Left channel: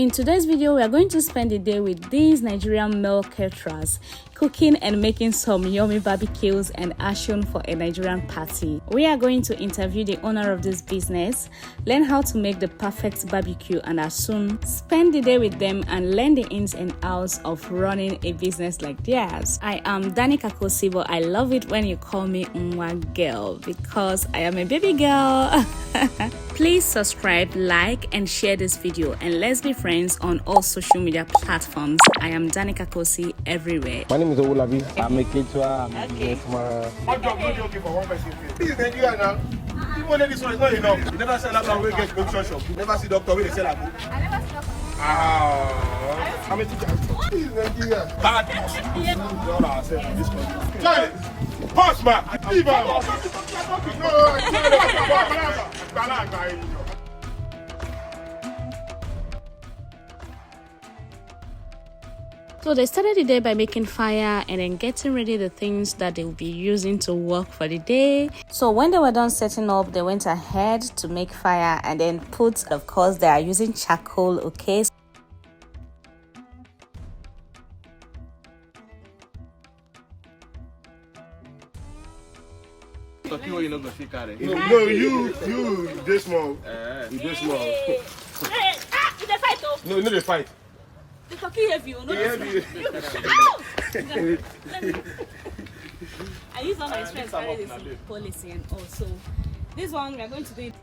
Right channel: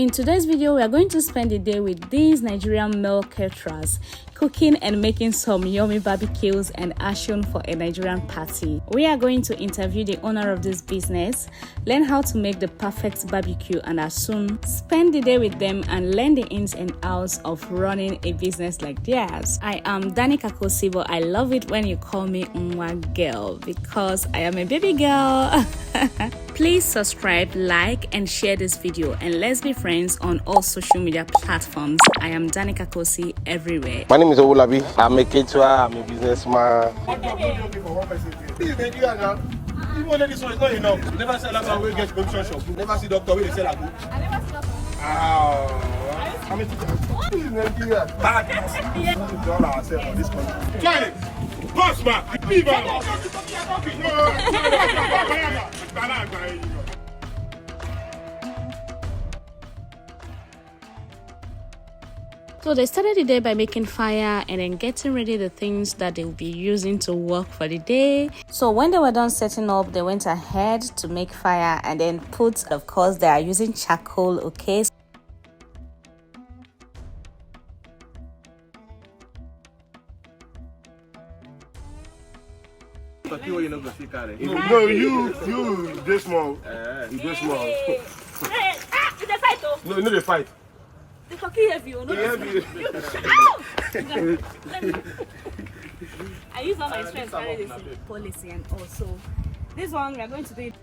In today's video, we are going to spend the day with these Nigerian male caterers, cooking and making some yummy barbecues and Asun for a Nigerian party. We are going to interview the owner of this business, learn how to make the perfect barbecue and Asun, spend the day with them and learn the ins and outs of running a business like theirs. I am Danica Kosibo. I love it when you call me Nwa Girl because I am a baby girl. Please subscribe, like and share this video, and let's be friends on all social media platforms. I am Danica Kosi everywhere. My name is Olabi. I'm a caterer, I'm a businessman. This is Nigeria now. Even though this one is not enough. You never sell that one where you get provision shop. You never see doctor where they sell a book. I never see doctor. How many teachers? This is Nigeria. Bad. We need all ourselves in this country. Charlie! Boss man! Leave her! So they started the day by making fire and then getting ready the things that they will be using to work for the day. So when they were done setting up, they went ahead to make fire and then put, of course, they are using charcoal, okay? No, you this small. You this small. Hey, they fight though. No, they fight. The cocky heavy, no. I use all my strength to carry this policy and also this one we are going to do it.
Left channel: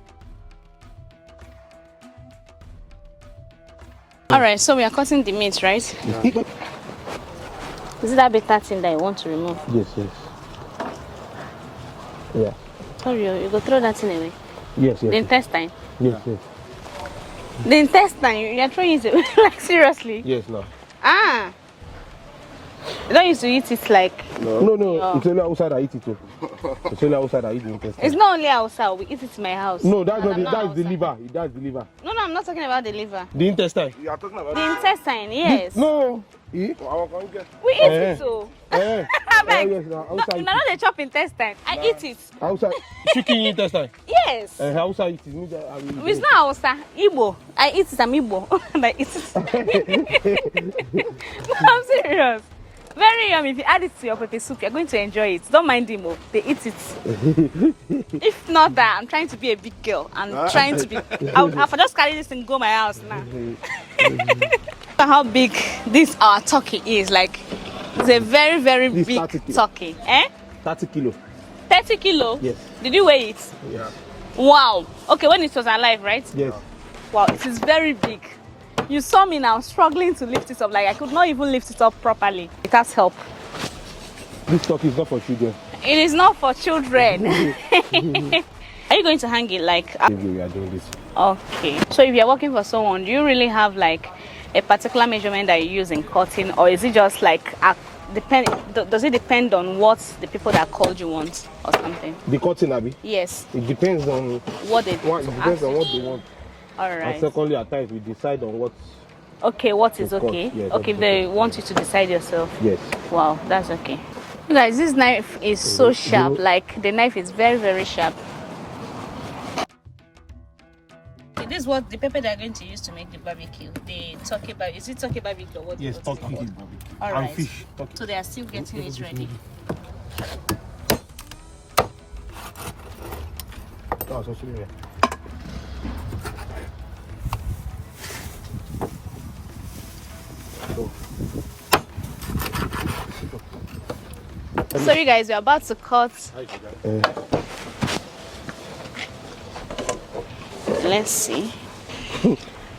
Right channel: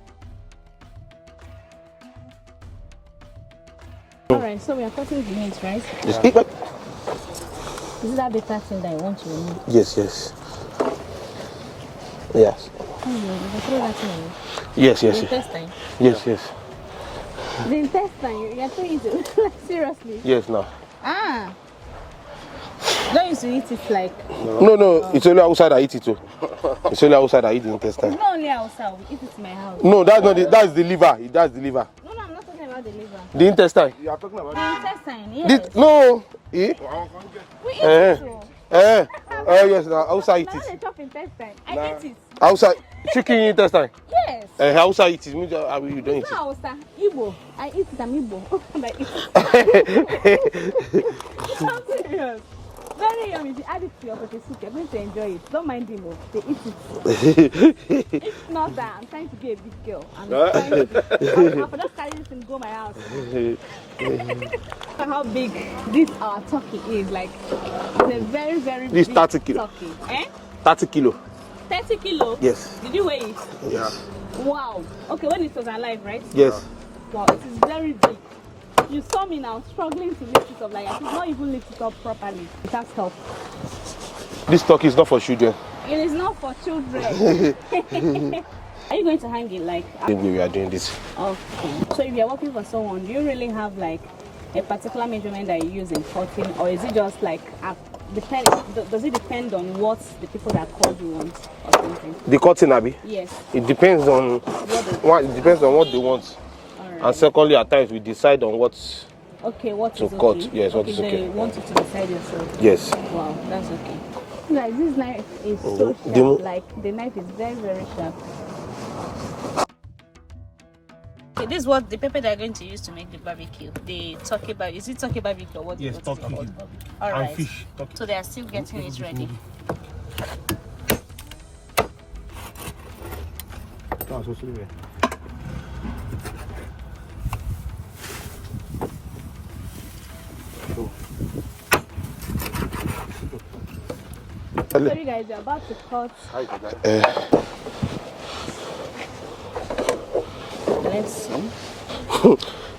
Alright, so we are cutting the meat, right? Is it that bitter thing that you want to remove? Yes. Yes. Oh, you go throw that thing away. Yes. The intestine. Yes. The intestine, you are throwing it away, like seriously? Yes, no. Ah. You don't used to eat it like... No. It's only outside I eat it too. It's only outside I eat the intestine. It's not only outside, we eat it in my house. No, that's not that's the liver. That's the liver. No, I'm not talking about the liver. The intestine. You are talking about the intestine, yes. No. We eat it too. Yes, outside. Now they chop intestine. I eat it. Outside chicken intestine. Yes. Outside it is. It's not outside. Igbo. I eat it. I'm Igbo. And I eat it. I'm serious. Very yummy. If you add it to your pepper soup, you're going to enjoy it. Don't mind them. They eat it. If not that, I'm trying to be a big girl. I'm trying to be. I'll just carry this and go my house now. How big this our turkey is. Like, it's a very, very big turkey. 30 kilo. 30 kilo? Yes. Did you weigh it? Yeah. Wow. Okay, when it was alive, right? Yes. Wow, it is very big. You saw me now struggling to lift it up. Like, I could not even lift it up properly. It has help. This turkey is not for children. It is not for children. Are you going to hang it like... We are doing this. Okay. So if you're working for someone, do you really have like a particular measurement that you use in cutting, or is it just like does it depend on what the people that called you want or something? The cutting, Abby? Yes. It depends on what it depends on what they want. All right. And secondly, at times we decide on what's what is okay. Cut. Yes, okay, they want you to decide yourself. Yes. Wow, that's okay. Guys, this knife is so sharp. Like, the knife is very, very sharp. Okay, this is what the pepper they're going to use to make the barbecue. The turkey barbecue. Is it turkey barbecue or what? Yes, turkey barbecue. All right. And fish. Turkey. So they are still getting it ready. So you guys, we're about to cut. Let's see.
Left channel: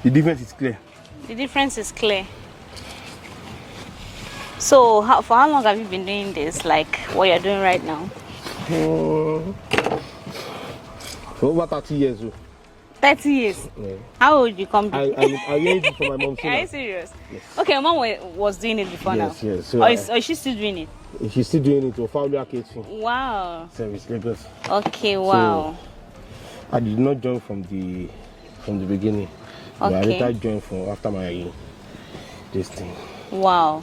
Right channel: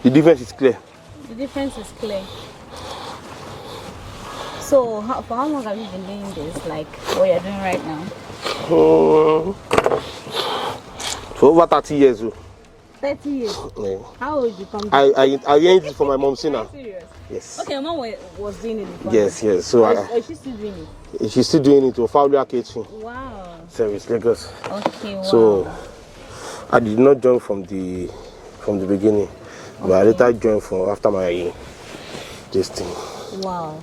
The difference is clear. The difference is clear. So for how long have you been doing this? Like what you're doing right now? For over 30 years. 30 years? Yeah. How old you come? I learned it from my mom. Are you serious? Yes. Okay, your mom was doing it before. Yes. So or is she still doing it? She's still doing it to Fabula Kitchen. Wow. Service Lagos. Okay, wow. So I did not join from the beginning. Okay. But I later joined from after my this thing. Wow.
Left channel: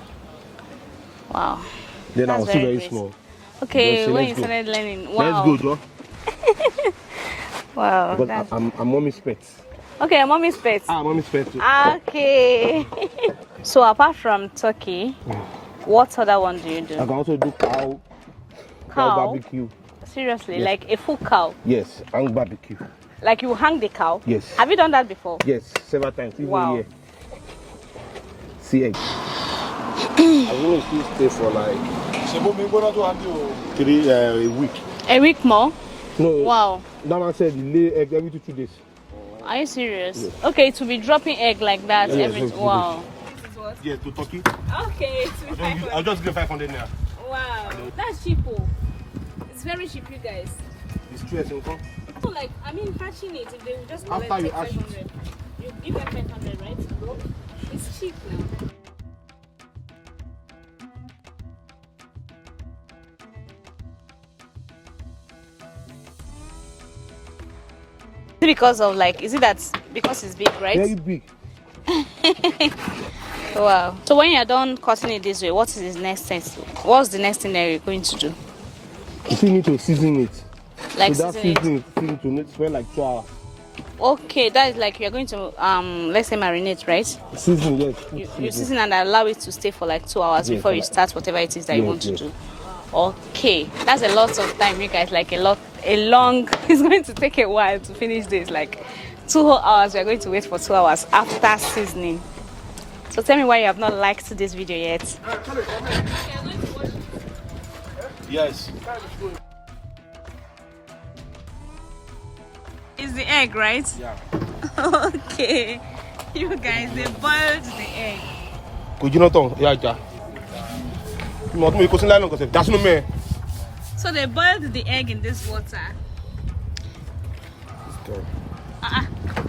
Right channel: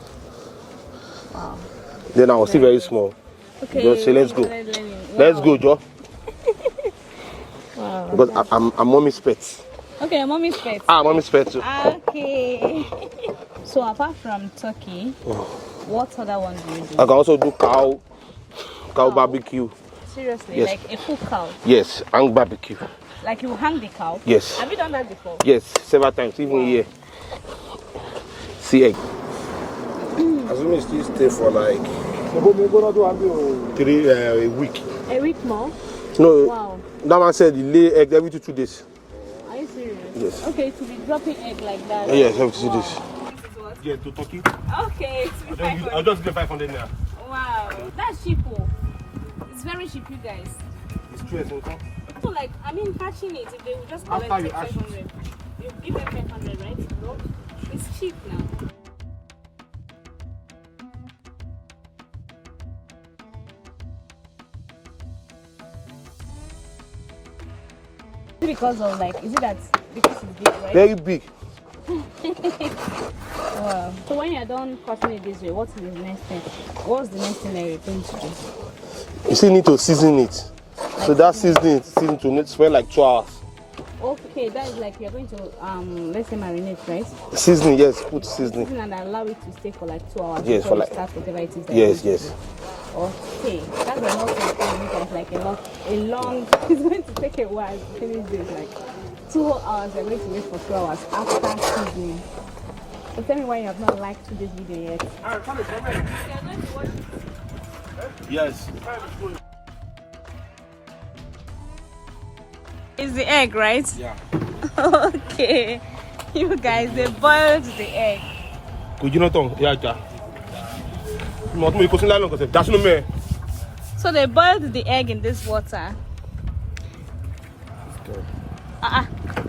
Then I was still very small. Okay, so when let's you go. started learning. Wow. Let's go, Joe. Wow. Because I'm mommy's pet. Okay, your mommy's pet. Mommy's pet too. Okay. So apart from turkey, what other one do you do? I can also do cow barbecue. Seriously, Yes. like a full cow? Yes, and barbecue. Like you hang the cow? Yes. Have you done that before? Yes, several times, even here. See egg. I will still stay for like a week. A week more? No. Wow. That man said he lay egg every 2 days. Are you serious? Yes. Okay, to be dropping egg like that. Yes, every 2 wow. days. Yeah, to turkey. Okay, I'll just give 500 now. wow, that's cheap. It's very cheap, you guys. It's true, income. So like, I mean, hatching it, if they will just After you hatch it. 500, you give them 500, right? It's cheap now. Because of like, is it that because it's big, right? Very big. Wow. So when you're done cutting it this way, what is the next thing? What's the next thing that you're going to do? You still need to season it. Like so that seasoning seasoning to need spend like 2 hours. Okay, that is like you're going to let's say marinate, right? Seasoning, yes, put You seasoning. season and allow it to stay for like 2 hours Yes, before for you like- start whatever it is that you want to do. Okay, that's a lot of time, you guys. Like a long. It's going to take a while to finish this. Like 2 whole hours. We're going to wait for 2 hours after seasoning. So tell me why you have not liked this video yet. Yes. It's the egg, right? Yeah. Okay. You guys, they boiled the egg. Could you not talk? Yeah. That's no me. So they boiled the egg in this water.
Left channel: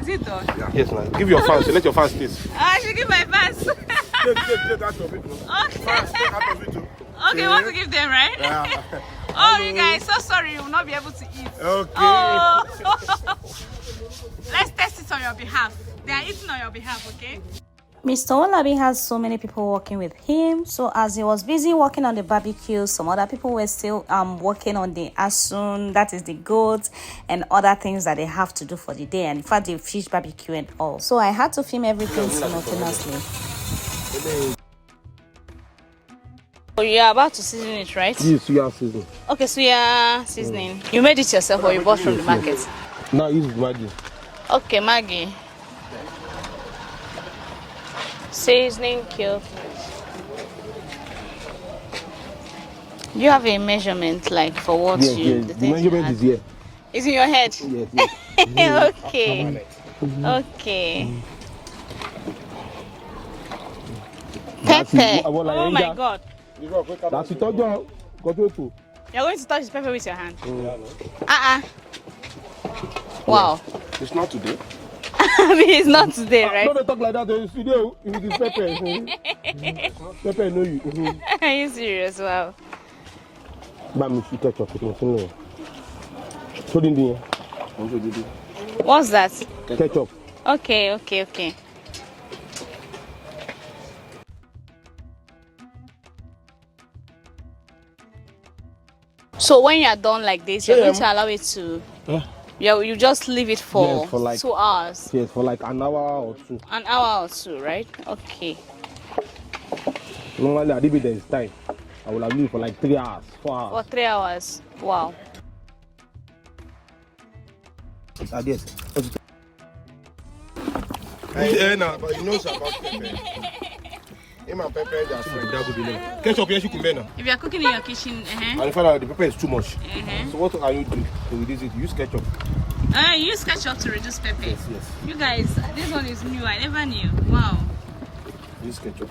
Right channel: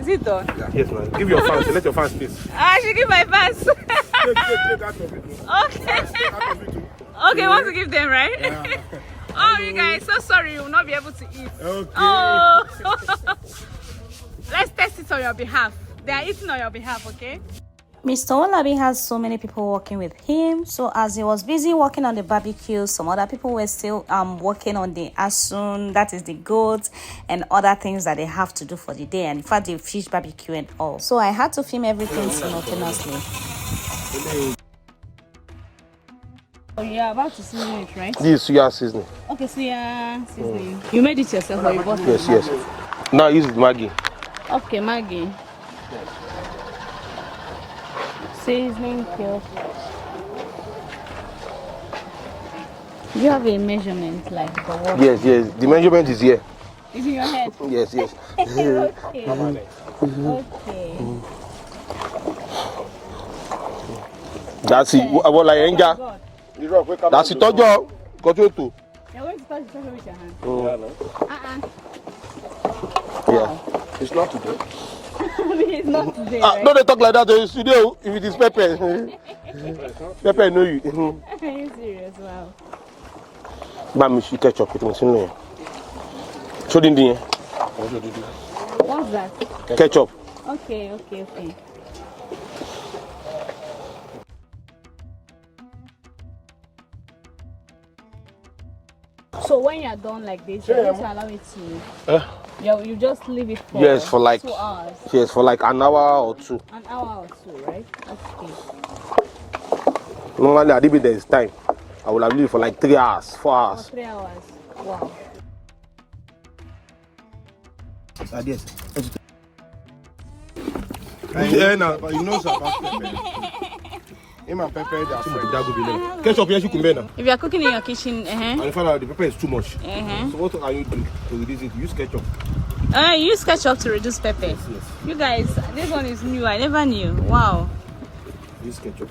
Is it done? Yeah. Yes, man. Give your fans. Let your fans taste. I should give my fans. Take out of it. Okay. Fans, take out of it too. Okay, want to give them, right? Yeah. Oh, you guys, so sorry, you will not be able to eat. Okay. Oh. Let's test it on your behalf. They are eating on your behalf, okay? Mr. Olabi has so many people working with him, so as he was busy working on the barbecue, some other people were still working on the Asun, that is the goat, and other things that they have to do for the day, and in fact the fish barbecue and all. So I had to film everything simultaneously. So you're about to season it, right? This is soya seasoning. Okay, so you're seasoning. You made it yourself or you bought from the market? Yes. Now use Maggi. Okay, Maggie. Seasoning cube. Do you have a measurement like for what? Yes. The measurement is here. Is in your head? Yes. Okay. Okay. That's it. Pepper. What like Oh my enja? God. That's it. Tojo. Got to. You're going to touch the pepper with your hand. Wow. It's not today. I mean, it's not today, right? No, they talk like that. They studio. If it is pepper, pepper know you. Are you serious? Wow. But me should ketchup with me. Show them the. What's that? Ketchup. Okay. So when you're done like this, you're going to allow it to. You just leave it for, Yes, for like 2 hours. Yes, for like an hour or 2. An hour or 2, right? Okay. Normally, I leave it there is time. I will have leave for like 3 hours, 4 For hours. 3 hours. Wow. Yes. You know Ketchup, yes, you can bear now. If you're cooking in your kitchen, And if the pepper is too much. So what can you do to reduce it? Use ketchup. you use ketchup to reduce pepper. Yes. You guys, this one is new. I never knew. Wow. Use ketchup.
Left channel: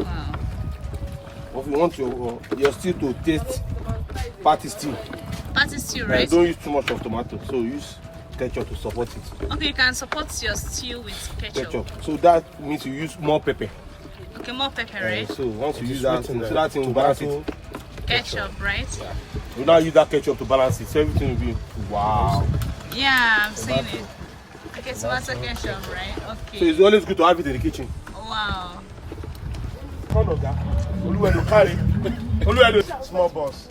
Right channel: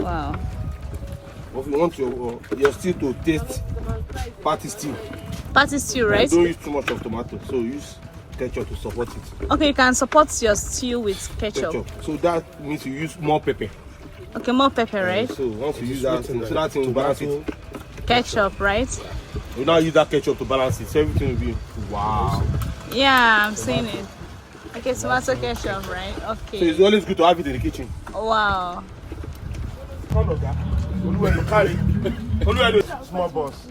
Wow. If you want your stew to taste party stew, Patty stew, right? don't use too much of tomato. So use ketchup to support it. Okay, you can support your stew with ketchup. So that means you use more pepper. Okay, more pepper, right? So once you use that, so that thing will balance it. Ketchup, right? You now use that ketchup to balance it. So everything will be wow. Yeah, I'm seeing it. Okay, tomato ketchup, right? So Okay. it's always good to have it in the kitchen. Wow. Small balls.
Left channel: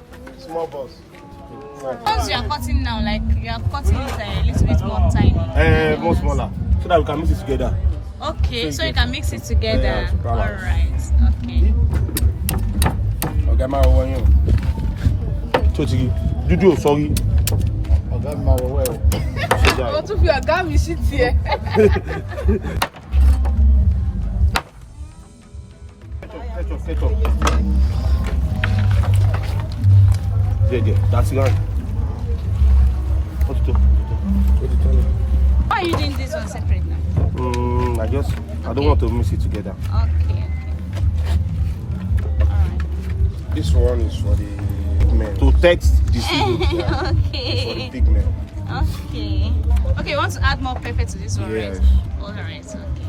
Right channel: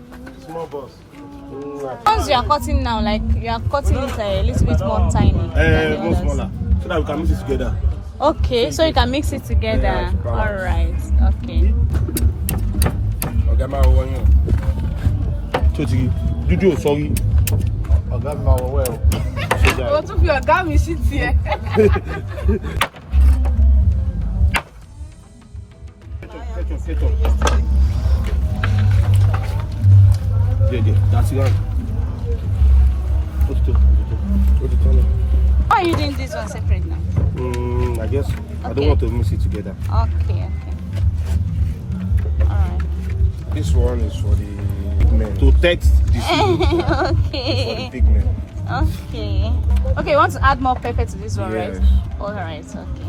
Once you are cutting now, like you are cutting it a little bit more tiny. More smaller, so that we can mix it together. Okay, so you can mix it together. Yeah, all right. Okay. Okay, my one. So you sorry. Oh, to be a guy, shit here. Set up. Yeah, that's it. What's it? Why are you doing this one separate now? I don't want to mix it together. Okay. Alright. This one is for the men. To text the season. Okay. For the big men. Okay. Okay, you want to add more pepper to this one, Yes. right? Alright, okay.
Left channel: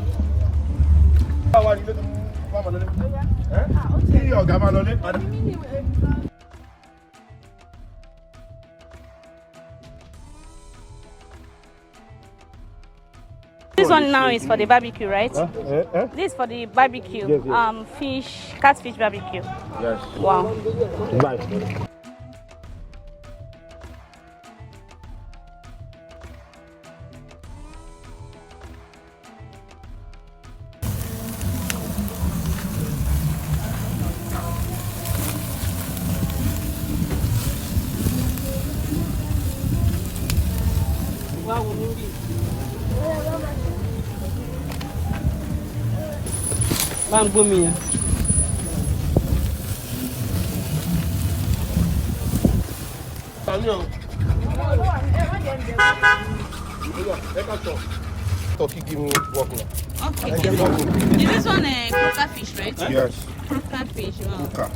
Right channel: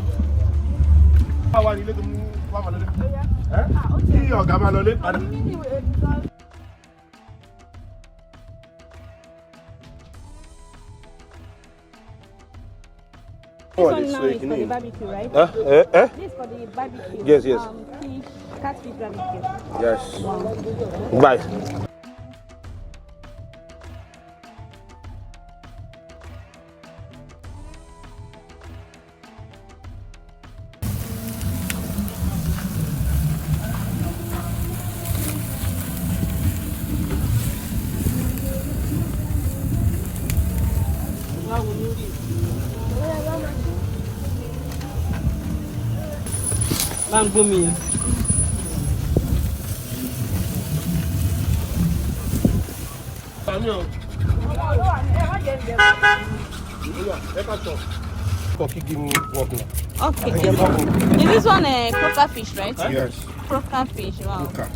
This one now is for the barbecue, right? This is for the barbecue. Yes. Catfish barbecue. Yes. Wow. Bye. Mango me. Okay. Is this one a croaker fish, right? Yes. Croaker fish, wow. Okay.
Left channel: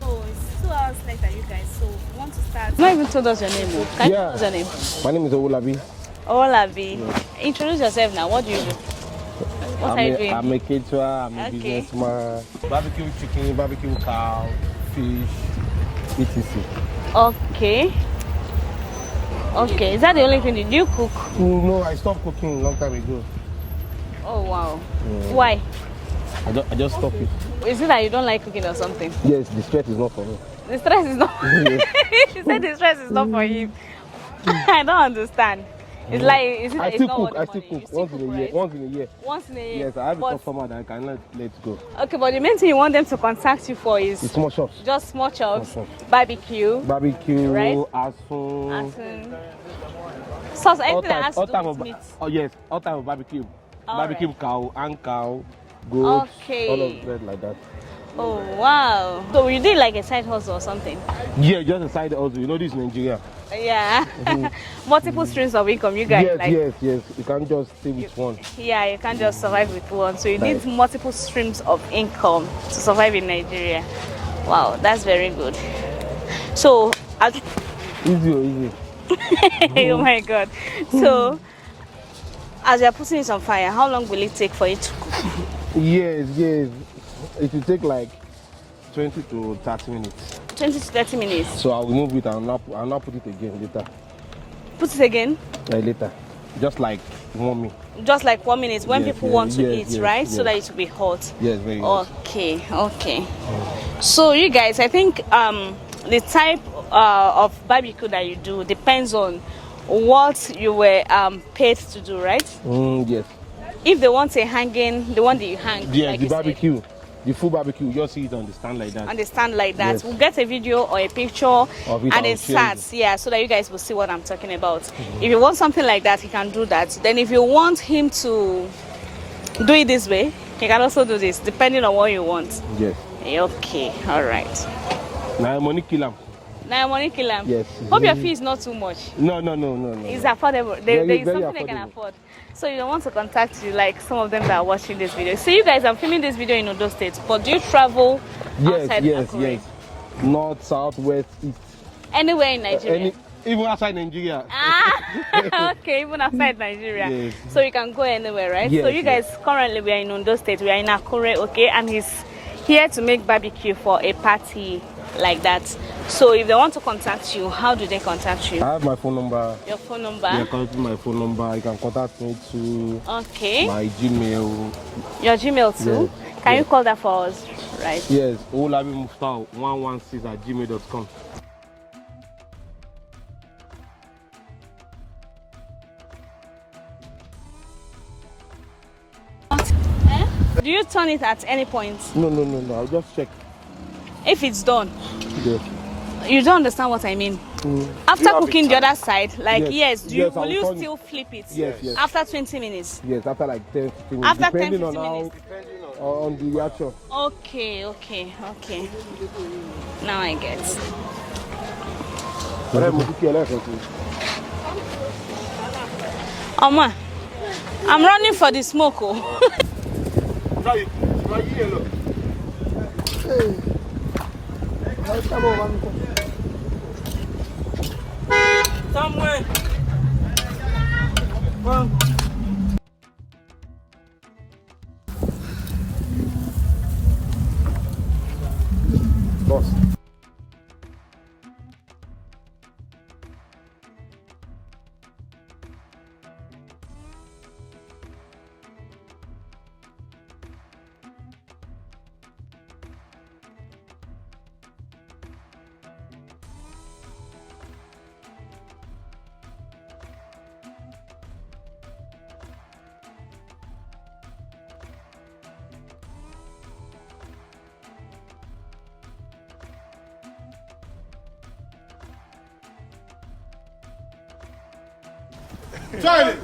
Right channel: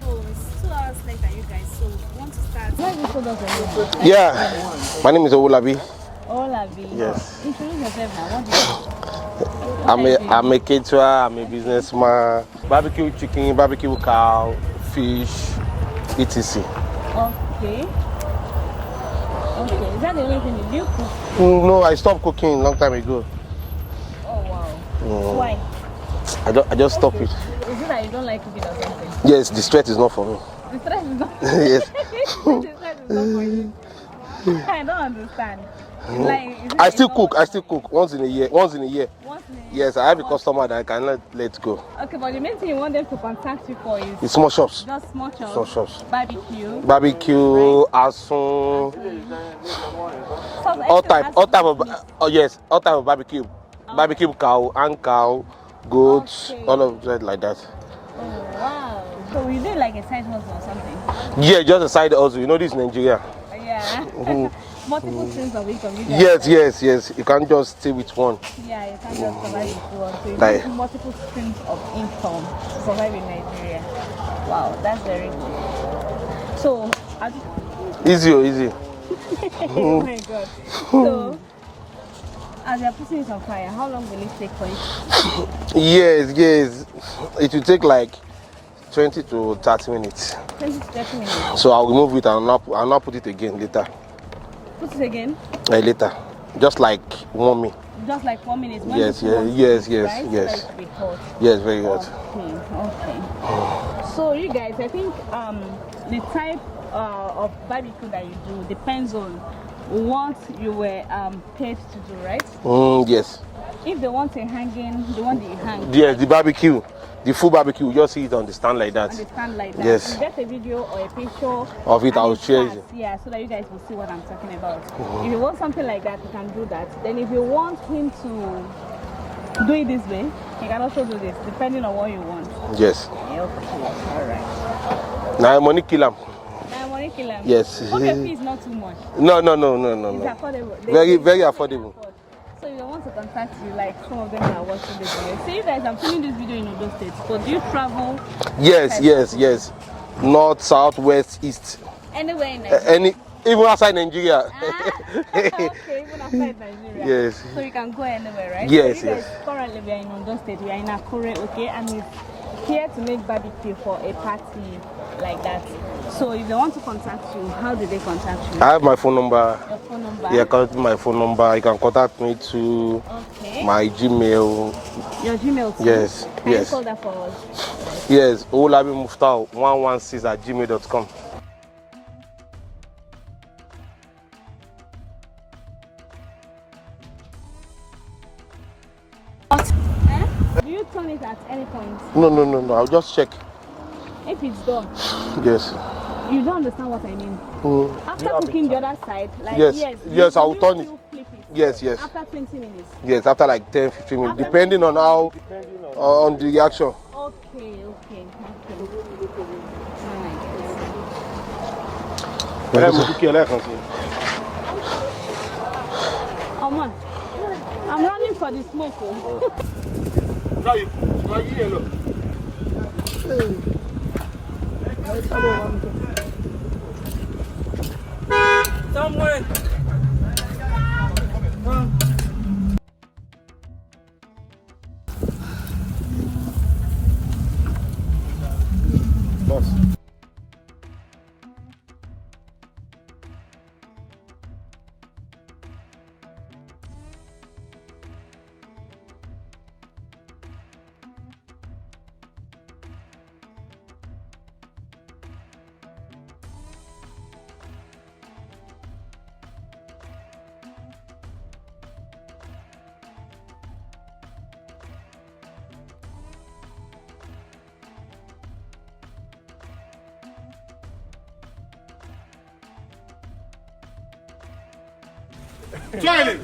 So it's 2 hours later, you guys. So want to start? You might even told us your name. Can Yeah. you tell your name? My name is Olabi. Olabi. Yes. Introduce yourself now. What do you do? What are you doing? I'm a caterer, I'm a Okay. businessman. Barbecue chicken, barbecue cow, fish, etc. Okay. Okay. Is that the only thing you do? Cook? No, I stopped cooking a long time ago. Oh wow. Why? I just stopped it. Is it that you don't like cooking or something? Yes, the stress is not for me. The stress is not. Yes. She said the stress is not for you. I don't understand. It's like is it I it's still not cook. what I you still want? cook once in a year. Once in a year. Once in a year. Yes, I have a But- customer that I cannot let go. Okay, but the main thing you want them to contact you for is It's small shops. just small chops, Small shops. barbecue, Barbecue, Right. Asun, sauce, all anything that type, has all to type do of, with meat. oh yes, all type of barbecue. Barbecue cow, and cow, goats, Okay. all of that like that. Oh wow! So you did like a side hustle or something? Yeah, just a side hustle. You know this is Nigeria. Yeah. Multiple streams of income, you guys. Yes, like, yes. You can't just stay with one. Yeah, you can't just survive with one. So you Like- need multiple streams of income to survive in Nigeria. Wow, that's very good. So, Easy. oh my God. So, as you're putting it on fire, how long will it take for it to cook? Yes. It will take like 20 to 30 minutes. 20 to 30 minutes. So I'll remove it and I'll not put it again later. Put it again. Later. Just like warm me. Just like 1 minute when Yes, people yes, want to yes, eat, yes, right? So that yes. it will be hot. Yes, very hot. Okay. So you guys, I think the type of barbecue that you do depends on what you were paid to do, right? Yes. If they want a hanging, the one that you hang. Yeah, like the you barbecue. The full barbecue, you just see it on the stand like said, that. understand like that. Yes. We'll get a video or a picture Of it, and I'll it share starts, yeah, so that you guys will see what I'm talking about. If you want something like that, he can do that. Then if you want him to do it this way, You can also do this depending on what you want. Yes. Okay, all right. Now money kill him. Now money kill him. Yes. Hope your fee is not too much. No. It's affordable. Very There is something they can affordable. afford. So you don't want to contact you like some of them that are watching this video. See, you guys, I'm filming this video in Ondo State, but do you travel? Yes. North, south, west, east. Anywhere in Nigeria? Even outside Nigeria. Okay, even outside Nigeria. Yes. So you can go anywhere, right? Yes, so you guys, currently we are in Ondo State, we are in Akure, okay? And he's here to make barbecue for a party like that. So if they want to contact you, how do they contact you? I have my phone number. Your phone number? Yeah, contact my phone number. You can contact me to my Gmail. Your Gmail too? Yes. Can you call that for us, right? Yes, olabimufta116@gmail.com. Do you turn it at any point? No. I'll just check. If it's done? Yes. You don't understand what I mean? After cooking the other side, like yes, will you turn still flip it? Yes. After 20 minutes? Yes, after like 10-15 minutes, After depending 10, on how on the reaction. Okay. Now I get. Oma, I'm running for the smoke. Oh. Somewhere. Boss. Charlie,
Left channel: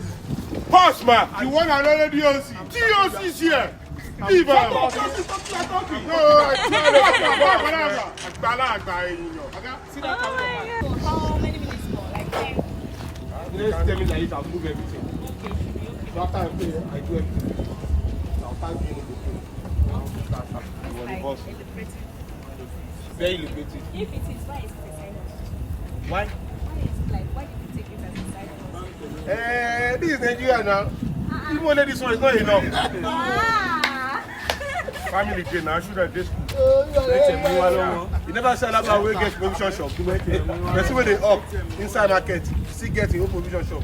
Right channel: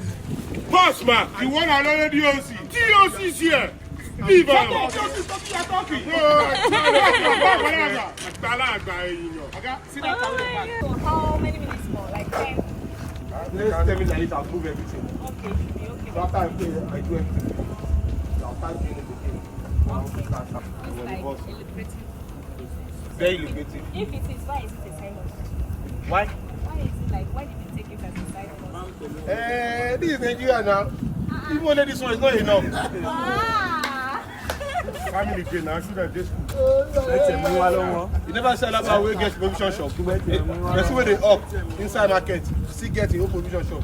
pause, man. You want another DOC? DOC is here. Leave her. Talking. No, How many minutes more? Like 10? Next 10 minutes, I'll move everything. Okay, should be okay. So after I play, I do everything. I'll start doing it again. It's like a lucrative business. Very lucrative. If it is, why is it a side hustle? Why? Why is it like, why did you take it as a side hustle? This is Nigeria now. Even though this one is not enough. Family day now, should I just You never sell about where get provision shop. That's where they up inside market. Still get your provision shop.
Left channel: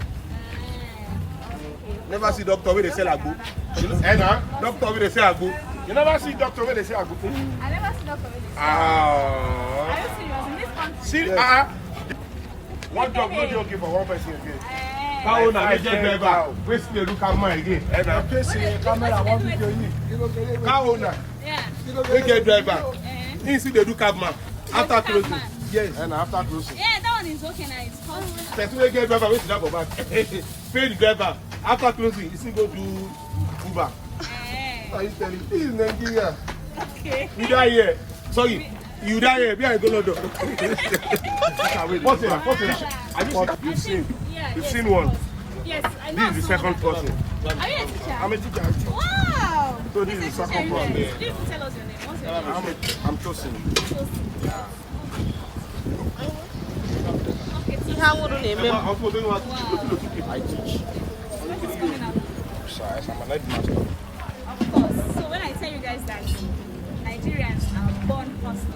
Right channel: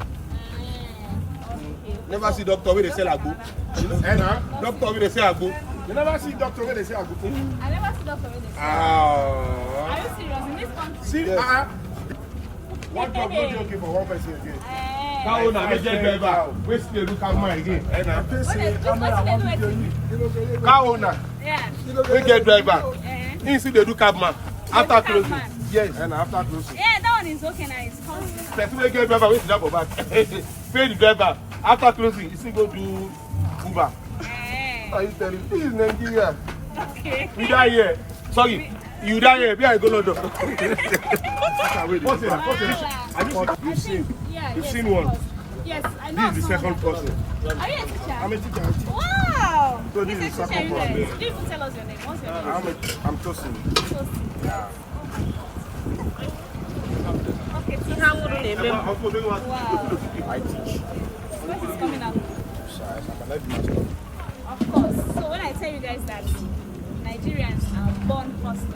Never see doctor where they sell agbo. Doctor where they sell agbo. You never see doctor where they sell agbo. I never see doctor where they say. Ah. Are you serious? In this country? See, one job not okay for one person again. how na me get driver wey still look at mine again. Cow owner wey get driver, he still dey do cabman after closing. Yes, and after closing. Yeah, that one is okay now. It's called. Person wey get driver wey sit down for back pay the driver after closing, he still go do Uber. How you telling? This is Nigeria. Okay. We die here. Sorry. You die here, be I go London. What's it? You've seen one. Yes, I know. This is the second person. Are you a teacher? I'm a teacher. Wow. So this is the second person. You didn't even tell us your name. What's your name? I'm Tosin. Yeah. Okay, so How would you name him? wow. I teach. When is coming out? I'm a life master. Of course. So when I tell you guys that Nigerians are born hustlers,